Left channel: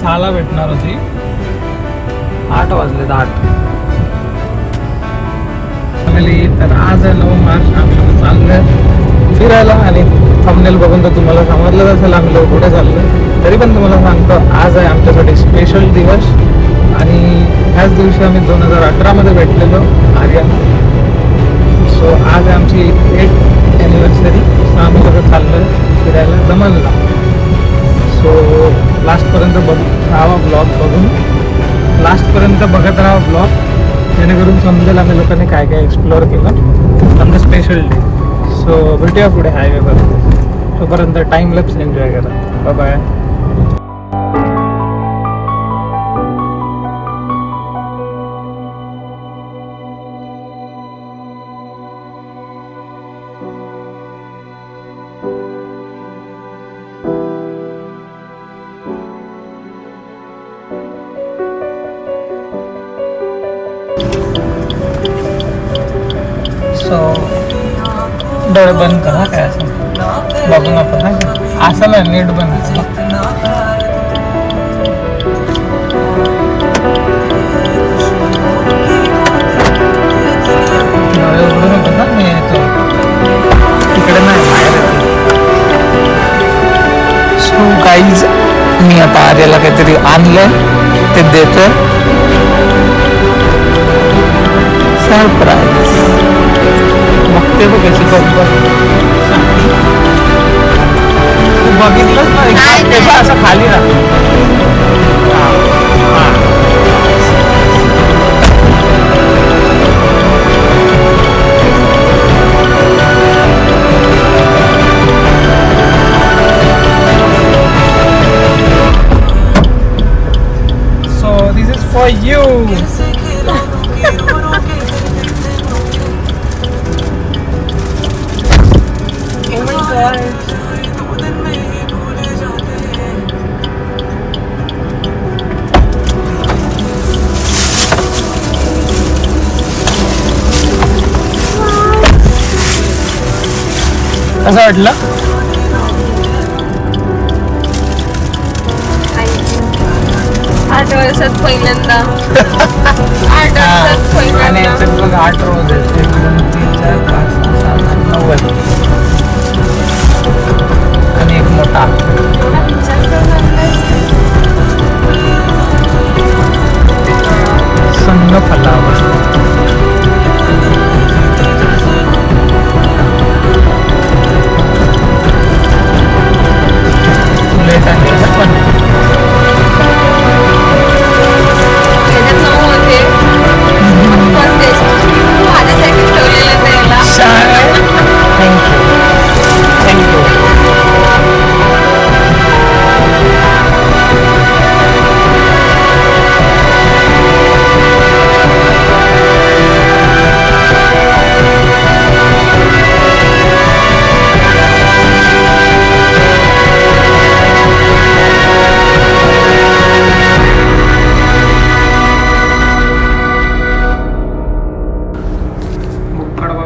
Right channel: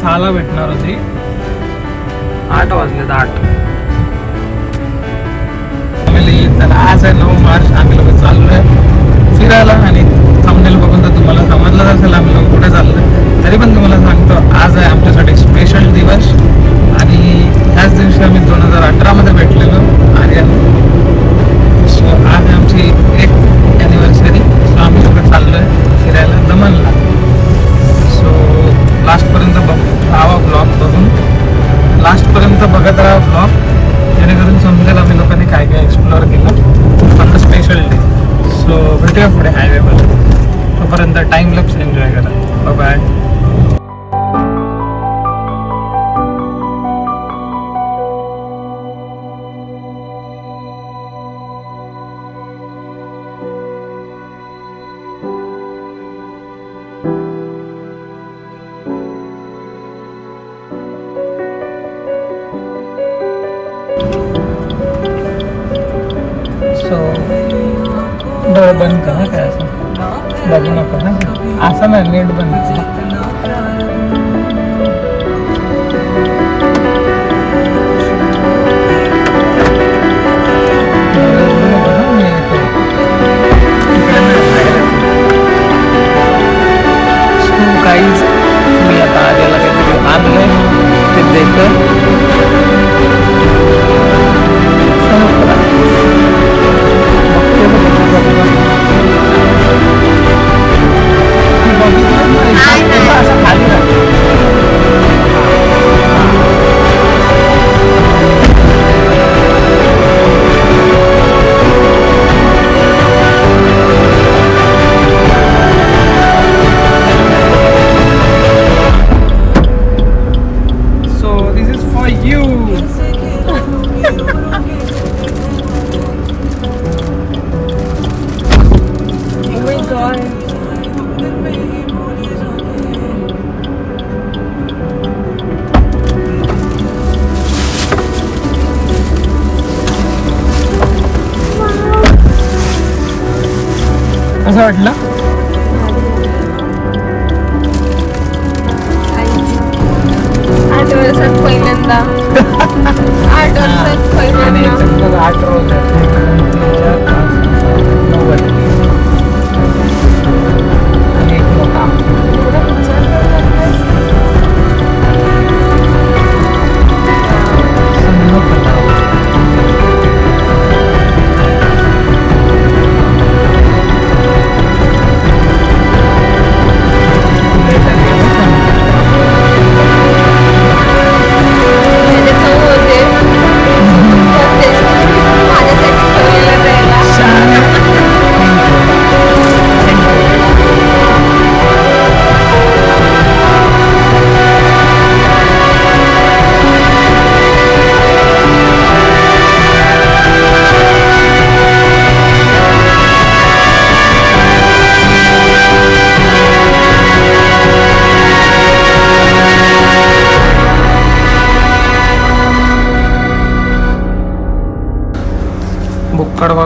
6ला भेटणार होती. 8 वाजलेत 8. तर आज आहे 9 मार्च. आम्ही लोक चाललोय फिरायला आणि थंबनेल बघून तर तुम्हाला समजलंच असेल आम्ही लोक कुठे चाललोय. तरी पण तुम्हाला सांगतो, आज आहे आमच्यासाठी स्पेशल दिवस. आणि ह्याच दिवशी आम्ही 2018 मध्ये भेटलेलो आर्या. सो आज आमची 1 ॲनिव्हर्सरी. आम्ही लोक चाललोय फिरायला दमनला. सो लास्टपर्यंत राहा ब्लॉग बघून. लास्टपर्यंत बघत राहा ब्लॉग, जेणेकरून समजेल आम्ही लोकांनी काय काय एक्सप्लोअर केलं on the special day. So भेटूया पुढे हायवेवर. तोपर्यंत टाइम लॅप्स एन्जॉय करा. बाय. सो डोळे बंद करा, काय असं बघू नको ना, असं नाही, नीट बंद. सो गाईज, मी आता आलेला काहीतरी आणलं ते देतो. असं वाटलं. आणि याच्यात 8 रोज आहेत. आणि एक मोठा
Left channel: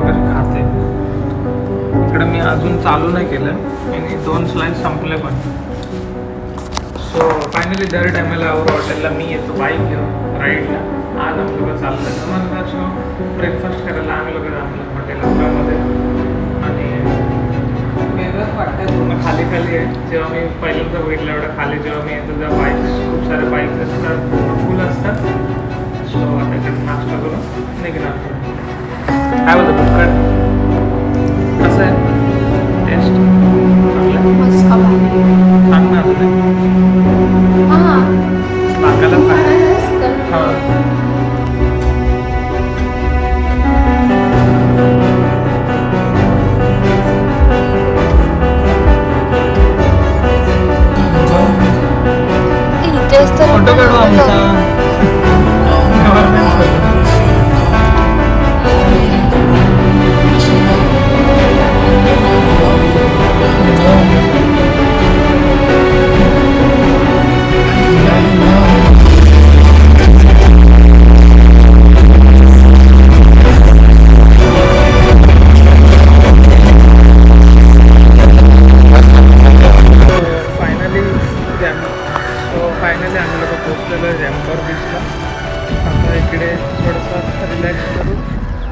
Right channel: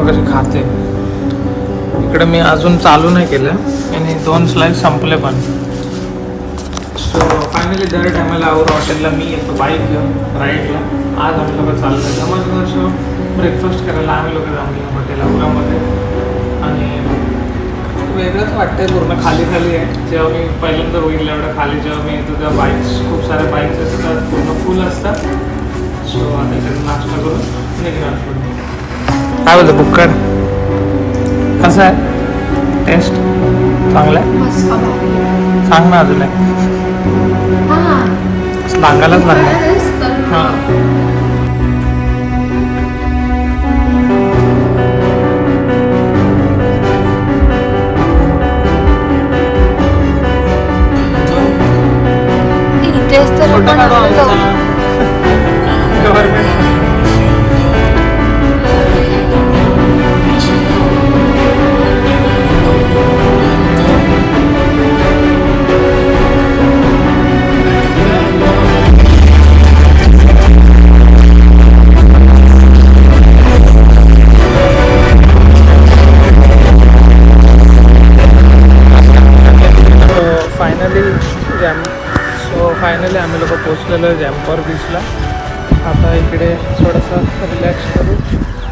कशी खाते. इकडे मी अजून चालू नाही केलं आणि 2 स्लाइस संपले पण. सो फायनली दर टायमाला आवर हॉटेलला मी येतो बाईक घेऊन राईडला. आज आम्ही लोक चाललो आहे दमनला. सो ब्रेकफास्ट करायला आम्ही लोक थांबलो हॉटेल औरामध्ये. आणि वेगळंच वाटतंय, पूर्ण खाली खाली आहे. जेव्हा मी पहिल्यांदा बघितलं एवढं खाली जेव्हा मी येतो तेव्हा बाईक्स, खूप सारे बाईक्स असतात, पूर्ण फुल असतात. सो आता इकडे नाश्ता करून निघणार पुढे. काय होतं बुक्कर? कसं आहे टेस्ट? चांगलं आहे? सांग ना अजून. सांगायलाच लागेल. हां, फायनली पोचलेलो आहे जॅम्पॉर बीचला. आता इकडे थोडंसं रिलॅक्स करू.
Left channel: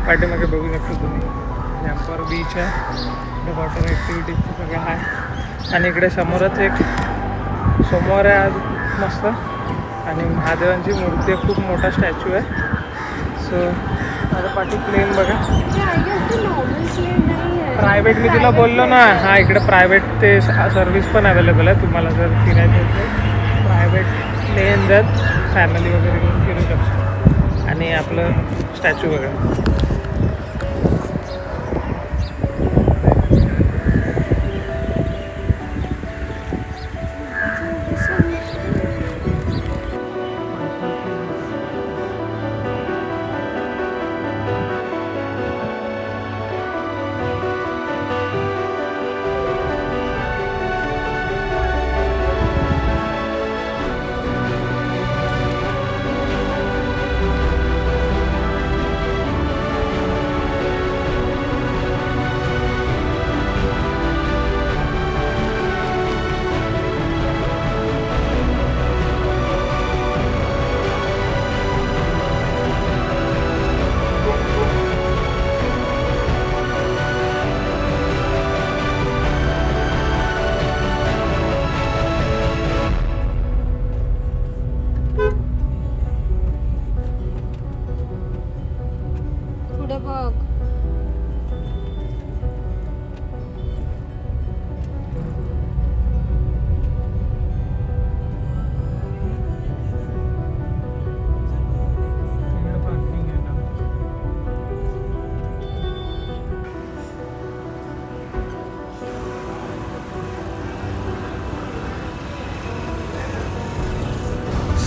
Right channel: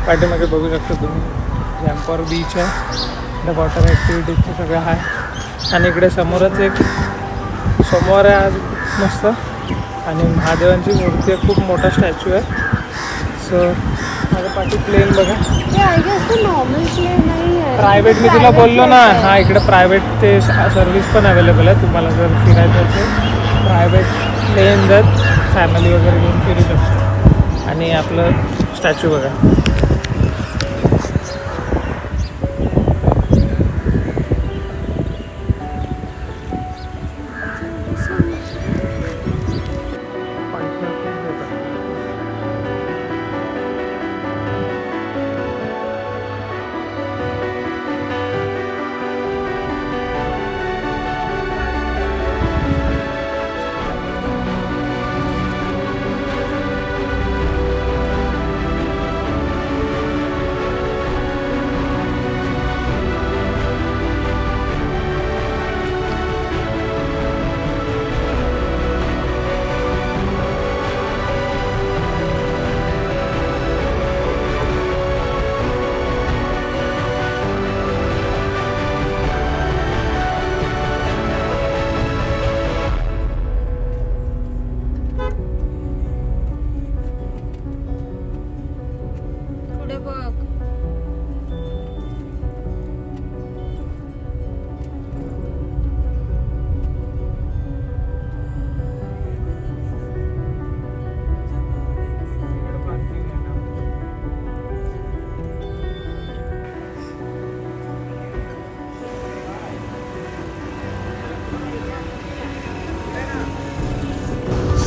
पाठीमागे बघू शकता तुम्ही जॅम्पॉर बीच आहे. द वॉटर ॲक्टिव्हिटीजचं सगळं आहे. आणि इकडे समोरच एक सोमवार आहे आज मस्त. आणि महादेवांची मूर्ती आहे, खूप मोठा स्टॅच्यू आहे. सो माझ्या पाठी प्लेन बघा. प्रायव्हेट मी तुला बोललो ना, हा इकडे प्रायव्हेट ते सर्विस पण अवेलेबल आहे. तुम्हाला जर फिरायचं असेल प्रायव्हेट प्लेन जात फॅमिली वगैरे घेऊन फिरू शकतो. आणि आपलं स्टॅच्यू बघा.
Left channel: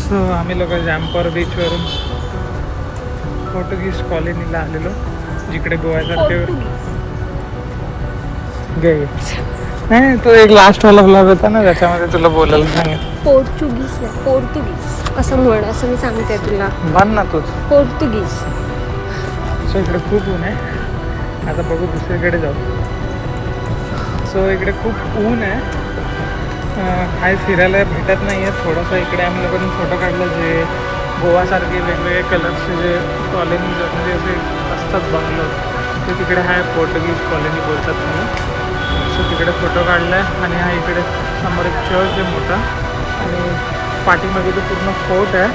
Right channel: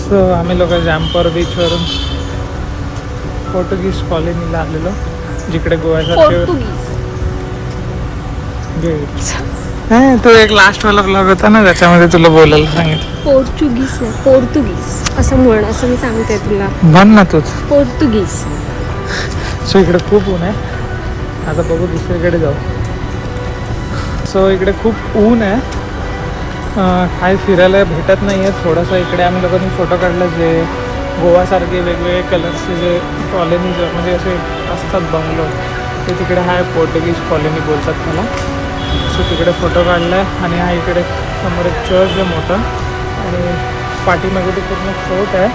सो आम्ही लोक जॅम्पॉर बीचवरून पोर्तुगीज कॉलनीला आलेलो, जिकडे गोव्यासारखे गेट्स. नाही, तू एक लास्टवाला ब्लॉग होता ना त्याच्यामध्ये तुला बोलायला सांगितलं. पोर्तुगीज नाही, पोर्तुगीज असं म्हण, असं मी सांगते तुला. म्हण ना तूच पोर्तुगीज. सो इकडे खूप ऊन आहे. आता बघू दुसरीकडे जाऊ. सो इकडे खूप ऊन आहे. काही फिरायला भेटत नाही आहे. थोडंसं इकडे आम्ही लोकांनी फोटो काढला, जे गोवासारखे वेगवेगळे कलर्सचे जे कॉलनीज म्हणजे असे असतात बंगलो, ते तिकडे आहे. पोर्तुगीज कॉलनी बोलतात त्याला. सो तिकडे फोटो काढला आहे. आणि हा इकडे समोर एक चर्च आहे मोठा, आणि पाठीमागे तो पूर्ण फोर्ट आहे.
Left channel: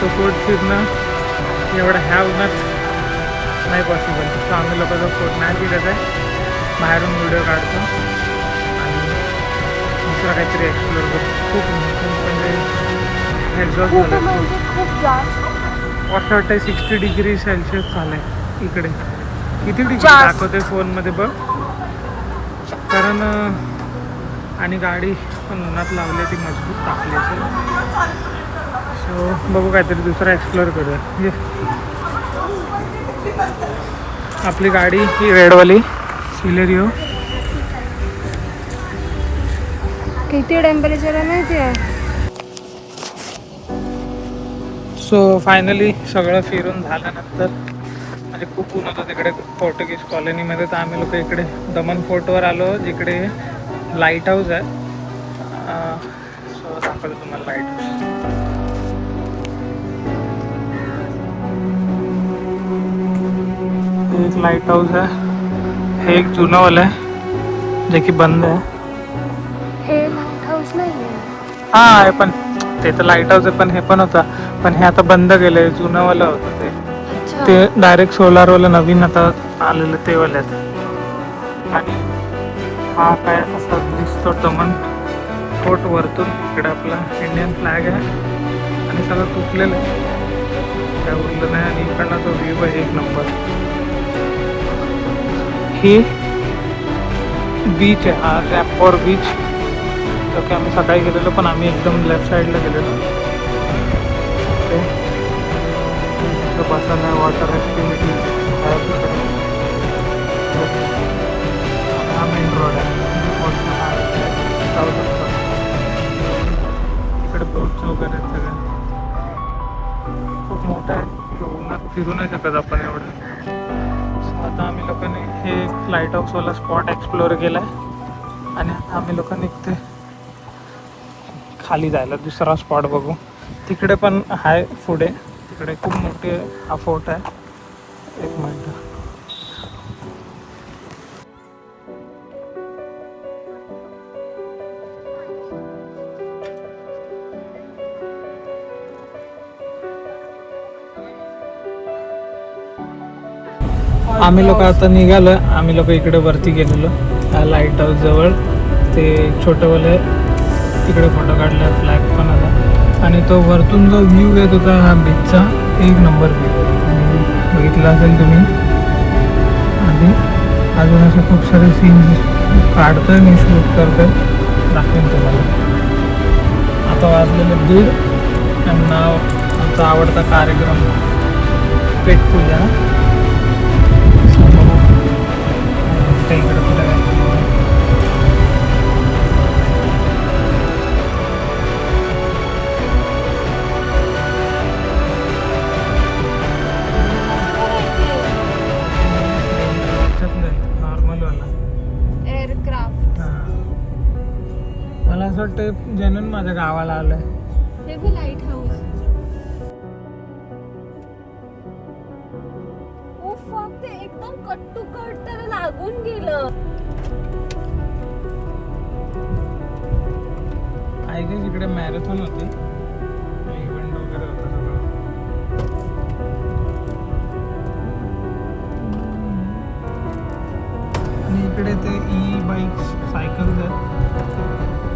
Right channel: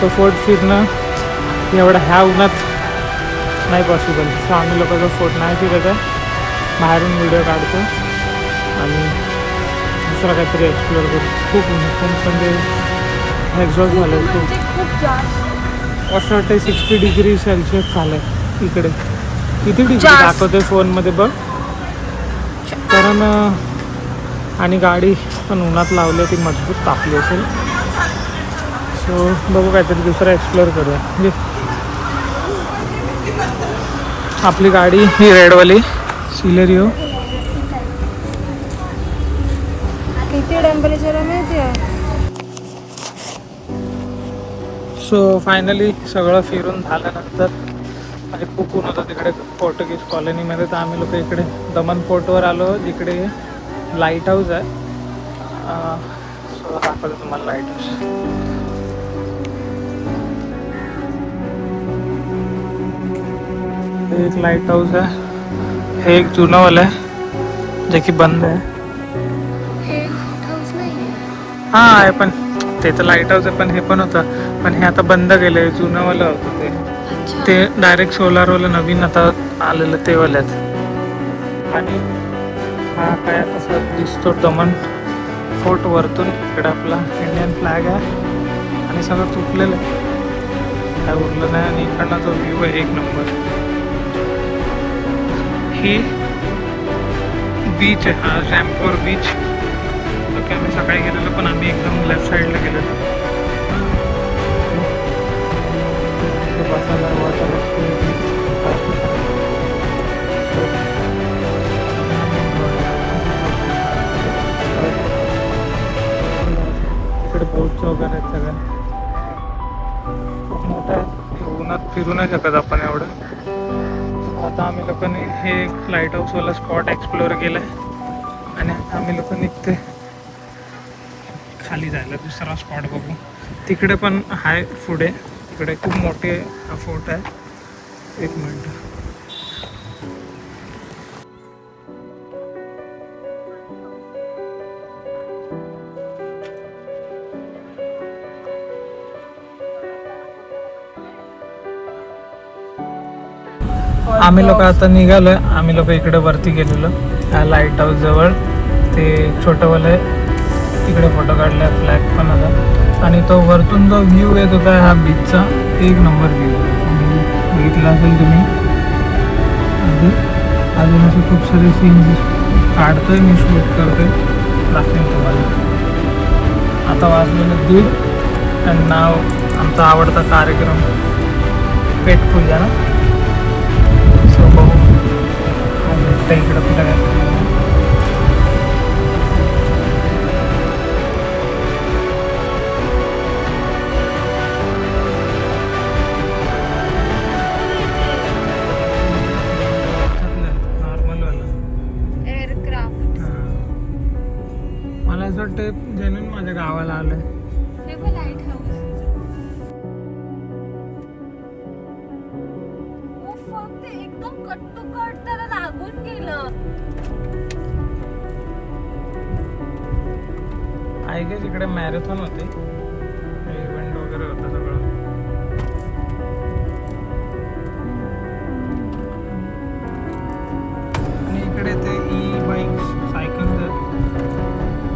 तो फोर्ट फिरणं एवढा ह्या उन्हात नाही पॉसिबल. सो आम्ही लोक तो फोर्ट नाही फिरत आहे, बाहेरून व्हिडिओ काढतो आणि दुसरा काहीतरी एक्सप्लोअर करतो. खूप म्हणजे एक्झॉस्ट झालं आहे खूप जास्त. असं वाटतं 60 डिग्री सेल्सिअस झालं आहे इकडे. किती डिग्री दाखवते फोनमध्ये बघ. कारण आणि गाडी पण उन्हात लावली, ती मजबूत तापली असेल. सो बघू काहीतरी दुसरा एक्सप्लोअर करूया. म्हणजे आपली गाडी ही रेडवाली सिलेरिओ. किती टेम्परेचर आहे माहिती आहे? सो फायनली सगळं फिरून झाल्यानंतर, म्हणजे खूप ऊन होतं तिकडे पोर्तुगीज कॉलनीमध्ये, तर आम्ही लोक इकडे दमन फोर्टवर आलो, जिकडे लाईट हाऊस आहे. सो दाखवतो तुम्हाला लाईट हाऊस. हे एक लाईट हाऊस आहे. हे एक जुनंवालं आहे जे की बंद आहे. हे लाईट हाऊस नाही हा आहे, पण ते तर लाईट हाऊस आहे, पण हे पण होतं, पण हे आता बंद केलं. जुनंवालं होतं ते डायरेक्ट सोलारवालं नवीन आता आलेलं ते वाल्यात. आणि हा काय असं दिसतो दमन फोर्ट वरतून. इकडे आपला इंडियन फ्लॅग आहे आणि सगळं तुटलेलं आहे, काय उरलं नाही. आणि इकडनं तो व्ह्यू आहे एक नंबर. ही बीच आहे, हा जॅम्पॉर बीच, जो की आम्ही सकाळी गेलेलो, पण आम्ही एकदम लेफ्ट साईडला गेलेलो. बसायला वॉटर ॲक्टिव्हिटीज हा मेन रोड आहे. इकडे बोट्स वगैरे आहेत सगळ्या. खूप मोठं आहे, उन्हात फिरू नाही शकत आपण एवढं. आता आम्ही लोकांनी हे एक लाईट हाऊसवाला स्पॉट एक्सप्लोअर केला आहे. आणि आता आम्ही लोकांनी इथे खाली जायला दुसरा स्पॉट बघू. तिकडे पण आहे पुढे, तिकडे खूप मोठे हा फोर्ट आहे. एक मिनिट. आम्ही लोक आता निघालोय. आम्ही लोक इकडे वरती गेलेलो ह्या लाईट हाऊस जवळ. ते छोटंवालं आहे, तिकडे फोटो काढला, फ्लॅग पण होता. आणि तो वरतून जो व्ह्यू येत होता हा बीचचा, एक नंबर व्ह्यू बघितला असेल तुम्ही. आणि अजून असे खूप सारे सीन्स काढतोय मी, शूट करतोय, दाखवेन तुम्हाला. आता वाजलेले 1:30 आणि नाव आमचा आवडता कार्यक्रम पेट पूजा ना. इकडे कुठे नॉर्मल वाला एअरक्राफ्ट. मला असं वाटतं जेन्युइन माझ्या गावाला आलोय. हे बी लाईट हाऊस. ओ फक, ते एकदम कट टू कट त्याला लागून गेलं. आय गेस इकडे मॅरेथॉन होते, इव्हेंट वगैरे होता सगळं. आणि इकडे ते ई बाईक सायकल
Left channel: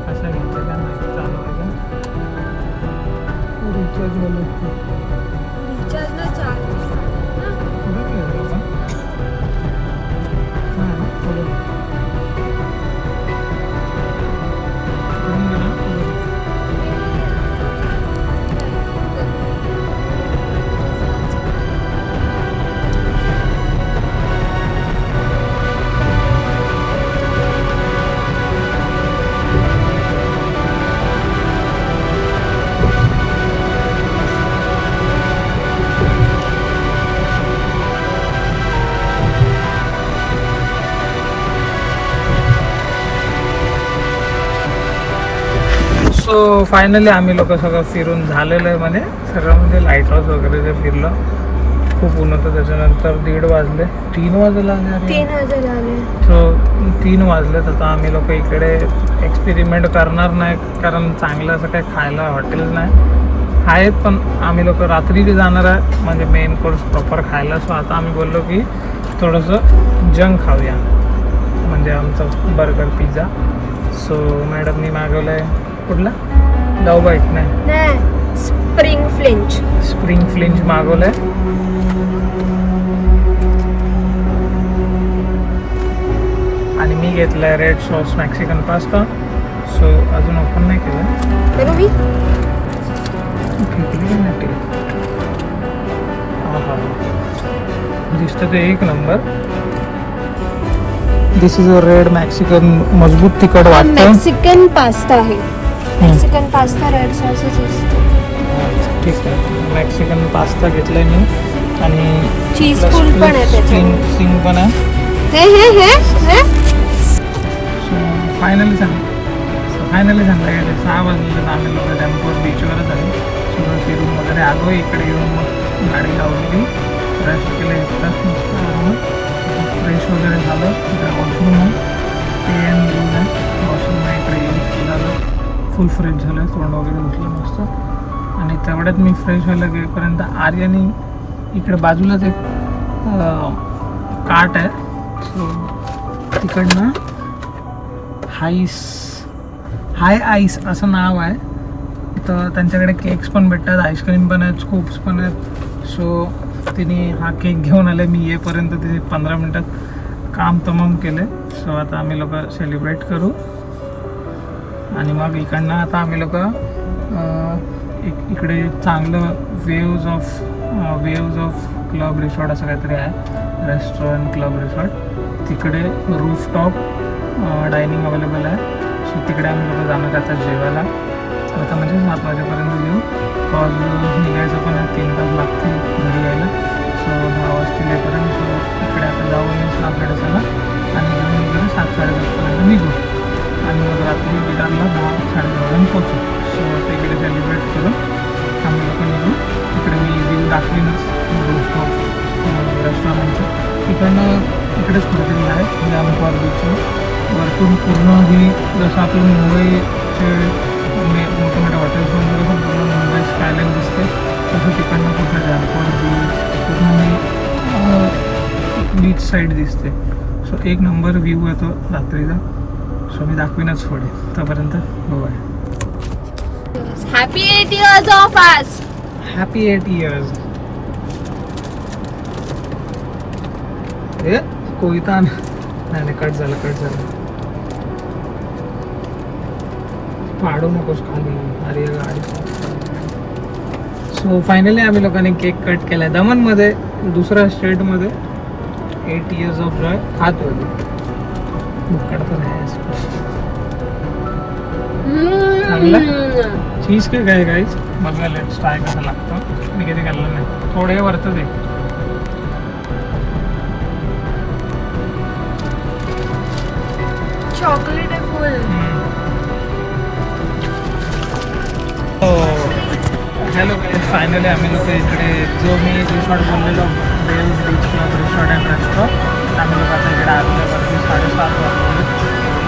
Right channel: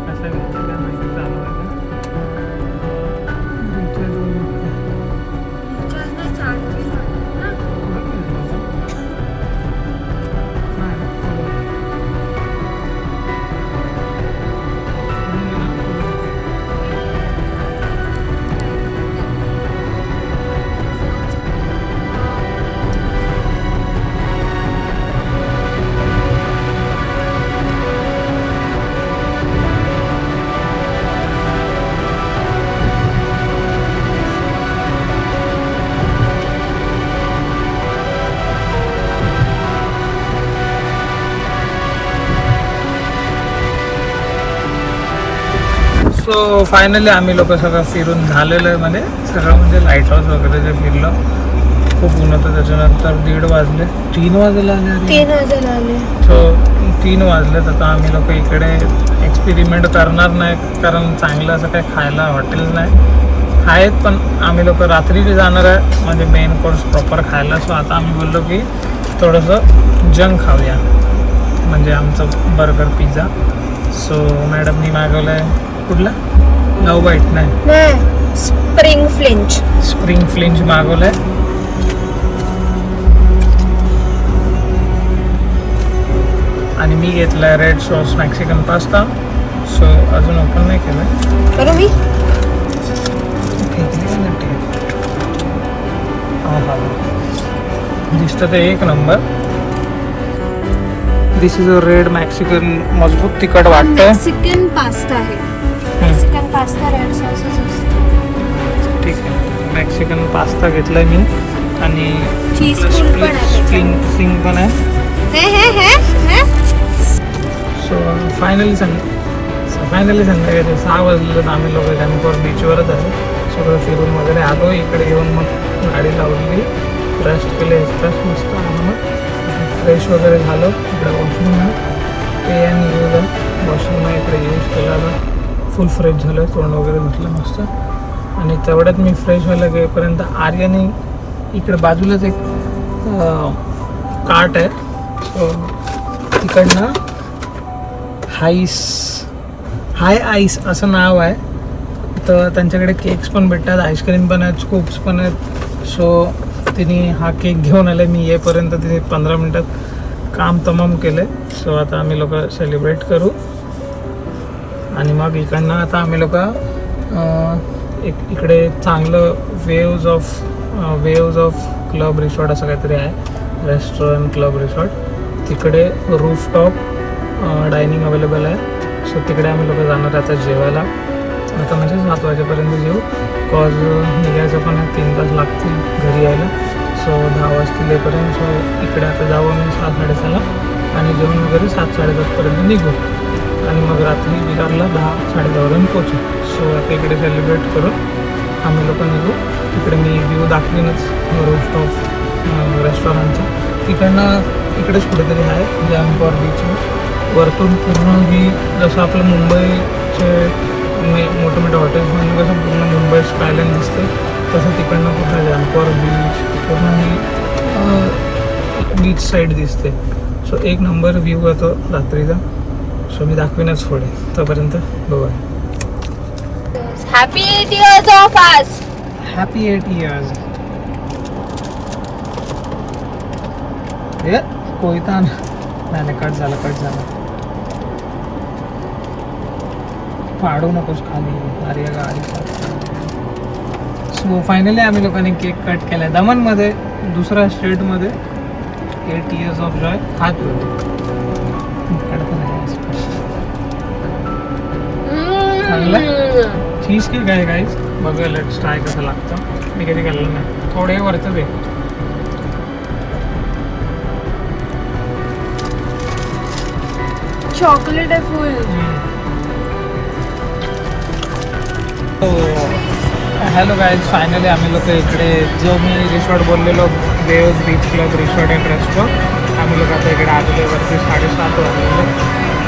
कशा घ्यायच्या काय माहिती, चालवायच्या. रिचार्ज रिचार्जला चार्जिंग ना. पुढे गेलो आपण. नाही ना, पुढे पुढून गेलो ना, पुढे. सो फायनली आम्ही लोक सगळं फिरून झालेलं आहे. म्हणजे सगळं म्हणजे लाईट हाऊस वगैरे जे फिरलं, खूप ऊन होतं. त्याच्यानंतर 1:30 वाजले, 3 वाजले. 3 वाजता आले. सो 3 वाजलेत. आता आम्ही लोक इकडे एक्सपेरिमेंट करणार नाही, कारण चांगलं असं काही खायला हॉटेल नाही आहेत. पण आम्ही लोक रात्री जाणार आहे म्हणजे मेन कोर्स प्रॉपर खायला. सो आता आम्ही बोललो की थोडंसं जंक खाऊया, म्हणजे आमचं बर्गर पिझ्झा. सो मॅडमनी मागवलं आहे कुठला, लव बाईट नाही, स्प्रिंग फ्लिंच. स्प्रिंग फ्लिंच मागवलं आहे. आणि मी घेतलं आहे red sauce Mexican pasta. So अजून ओपन नाही केलं. करू मी? फेकली नाही ते. हा दिसतं ते एक number. This is a red Mexican, मजबूत तिखट वाटतं. मेक्सिकन पास्ता आहे. मेक्सिकन पास्ता रेड सॉसच असतो. ठीक आहे, मॅक्सिकन पास्ता घेतलाय मी. आणि चीज फुल पण आहे. स्प्रिंग पण आहे. हे सो फायनली संध्याकाळी 6 वाजले. आम्ही लोक टेम्पोर बीचवरच आहे. सगळं फिरून वगैरे आलो. इकडे येऊन मग गाडी लावली, रेस्ट केलं, एक तास मस्त आलो. फ्रेश वगैरे झालं. इकडे वॉशरूम आहे, ते आणि यूज आहे वॉशरूम आहे. इकडे यूज केला, फुल फ्रेश झालं, तोंड वगैरे धुतलं मस्त. आणि तेवढ्यात मी फ्रेश व्हायला गेपर्यंत आर्याने इकडे बाजूलाच एक काट आहे. सो तिकडनं हाय आईस असं नाव आहे. तर त्यांच्याकडे केक्स पण भेटतात, आईस्क्रीम पण आहेत, स्कूप्स पण आहेत. सो तिने हा केक घेऊन आले. मी येईपर्यंत तिने 15 मिनटात काम तमाम केलं. सो आता आम्ही लोक सेलिब्रेट करू. आणि मग इकडनं आता आम्ही लोक इकडे चांगलं वेव्ज ऑफ क्लब रिसॉर्ट असं काहीतरी आहे, रेस्टॉरंट क्लब रिसॉर्ट. तिकडे रूफटॉप डायनिंग अवेलेबल आहे. सो तिकडे आम्ही लोक जाणार आता जेवायला. आता म्हणजे 7 वाजेपर्यंत जेऊ, कॉज निघायचं पण आहे, 3 तास लागतील घरी यायला. सो 10 वाजतील येईपर्यंत. सो इकडे आता जाऊ आम्ही 7-7:30ला आणि जेवण वगैरे 7-7:30पर्यंत निघू. आणि मग रात्री विरारला 10-10:30 पोचू. सो आता इकडे सेलिब्रेट करू आम्ही लोक निघू. तिकडे मी व्ह्यू दाखवीनच रूफटॉप रेस्टॉरंटचं. इकडेच कुठेतरी आहे जॅम्पॉर बीच. वरतून पूर्ण व्ह्यू जसं आपलं मुंबईचे मोठे मोठे हॉटेल्स म्हणजे कसं पूर्ण मुंबई स्कायलाईन दिसते तसं तिकडनं पूर्ण जॅम्पॉर बीच पूर्ण बीच साईड दिसते. सो एक नंबर व्ह्यू येतो रात्रीचा. सो मी दाखवीनच पुढे. तोपर्यंत बघूया. Happy 8 years of us. Happy 8 years. कोयता नाही कट झाला. पाडू नकोस खाली. अरे गाडी. सो फायनली आम्ही लोकांनी केक कट केलाय दमनमध्ये, दुसऱ्या स्टेटमध्ये. 8 years of joy. हात वर चांगला चीज केक आहे गाईज. बघा लेट्स ट्राय कसं लागतं. मी कधी केलं नाही. थोडे वरचं दे. चॉकलेट आहे फुल. हॅलो गाईज, फायनली आम्ही लोक इकडे जो मी रिसॉर्ट बोललेलो waves beach club resort and restaurant, आम्ही लोक आता इकडे आलेलो वरती 7:30 वाजलेले.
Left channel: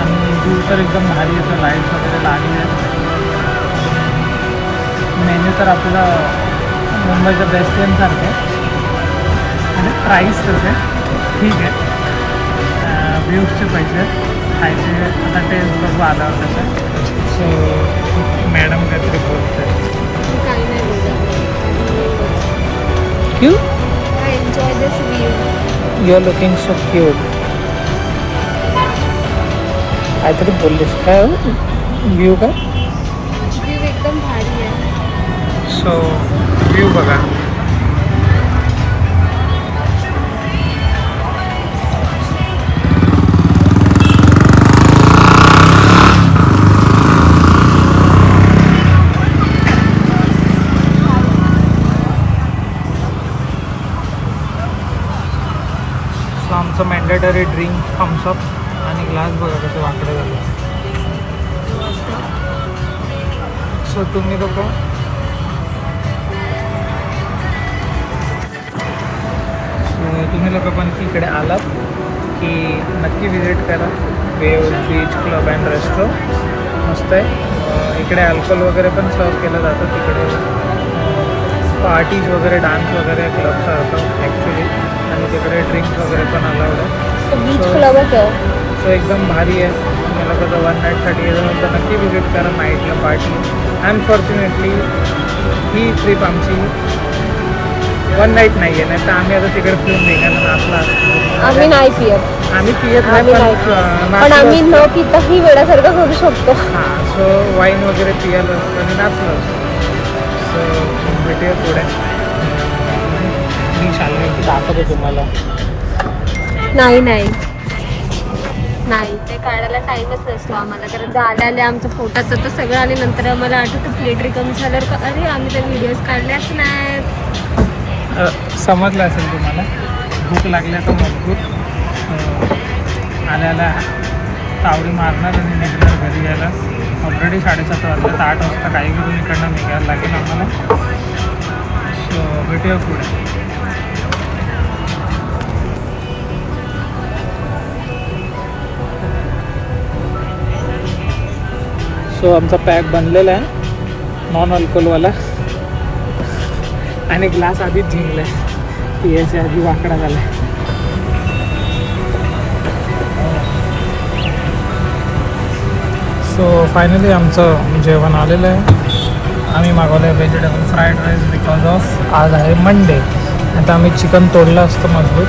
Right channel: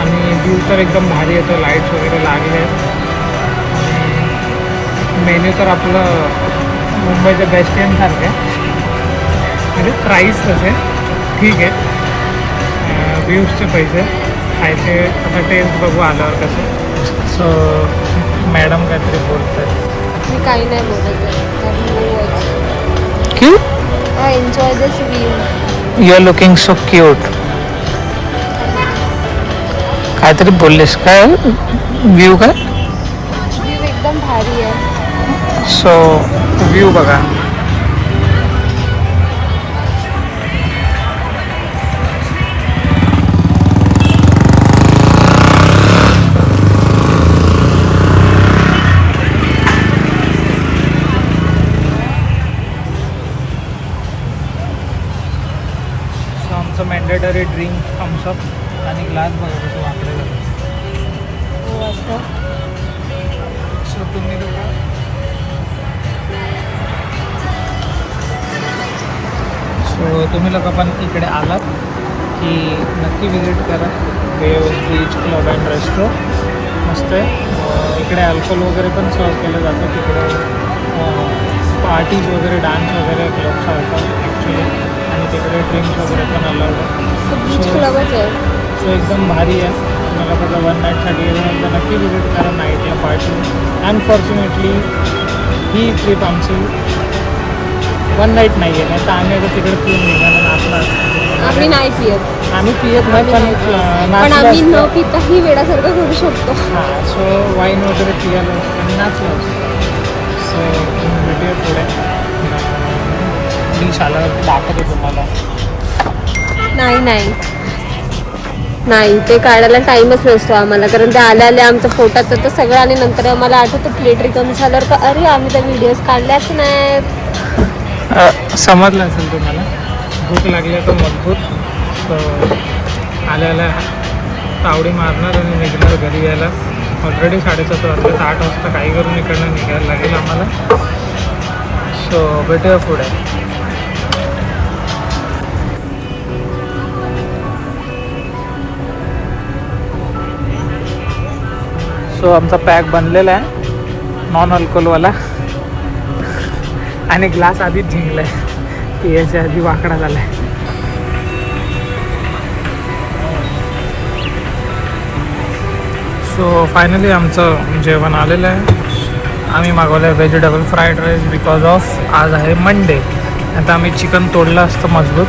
आणि व्ह्यू तर एकदम भारी येतं. लाईट्स वगैरे लागले. मेन्यू तर आपलं मुंबईचं बेस्ट सारखं आहे. म्हणजे प्राईस तसे ठीक आहे. व्ह्यूजचे पैसे खायचे आता टेस्ट बघू आल्यावर कसे. सो मॅडम काहीतरी बोलतात. मी काही नाही बोलत. I enjoy this view. You are looking so cute. काहीतरी बोललेस काय? व्ह्यू काय? व्ह्यू एकदम भारी आहे. सो व्ह्यू बघा. सो आमचं मॅन्डेटरी ड्रिंक थम्सअप आणि ग्लास बघा कसे वाकडे झाले. सो तुम्ही लोक पण इकडे आलात की नक्की विजिट करा waves beach club and resto. मस्त आहे. इकडे अल्कोहोल वगैरे पण सर्व केलं जातं. तिकडे पार्टीज वगैरे डान्स वगैरे क्लबसारखं ॲक्च्युली. आणि तिकडे ड्रिंक्स वगैरे पण अलाउड आहे. बीच क्लबच आहे. सो एकदम भारी आहे. तुम्हाला कसं 1 नाईटसाठी येतं तर नक्की विजिट करा नाईटला पार्टी. अनफॉर्च्युनेटली ही ट्रिप आमची 1 नाईट नाही आहे. नाही तर आम्ही आता तिकडे पिऊन निघालं नाचला. आम्ही नाही पियत. आम्ही पियत नाही पण पण आम्ही न पिताही वेळासारखं करू शकतो. हां. सो वाईन वगैरे पियालं असतं आणि नाचलं असतं. सो भेटूया पुढे. मी शाला दाखवतो तुम्हाला. नाही ते काढायला टाईमच नसतो आम्हाला. कारण ते आल्या आमचं पोटाचं तर सगळं. आणि नंतर आम्हाला आठवतं प्लेट रिकमी झाल्यावर का अरे आम्ही तर व्हिडिओज काढल्याच नाहीत. समजलं असेल तुम्हाला. भूक लागली तर मजबूत. आल्या तावडी मारणार आणि निघणार घरी यायला. ऑलरेडी 7:30 वाजले. 8 वाजता काही करून इकडनं निघायला लागेल आम्हाला. सो भेटूया पुढे. सो आमचा पॅक बनलेला आहे नॉन अल्कोहोलवाला. आणि ग्लास आधीच झिंगला आहे. पियाच्या आधी वाकडा झाला आहे. सो फायनली आमचं जेवण आलेलं आहे. आम्ही मागवलं आहे vegetable fried rice because of आज आहे मंडे. आता आम्ही चिकन तोडलं असतं मजबूत.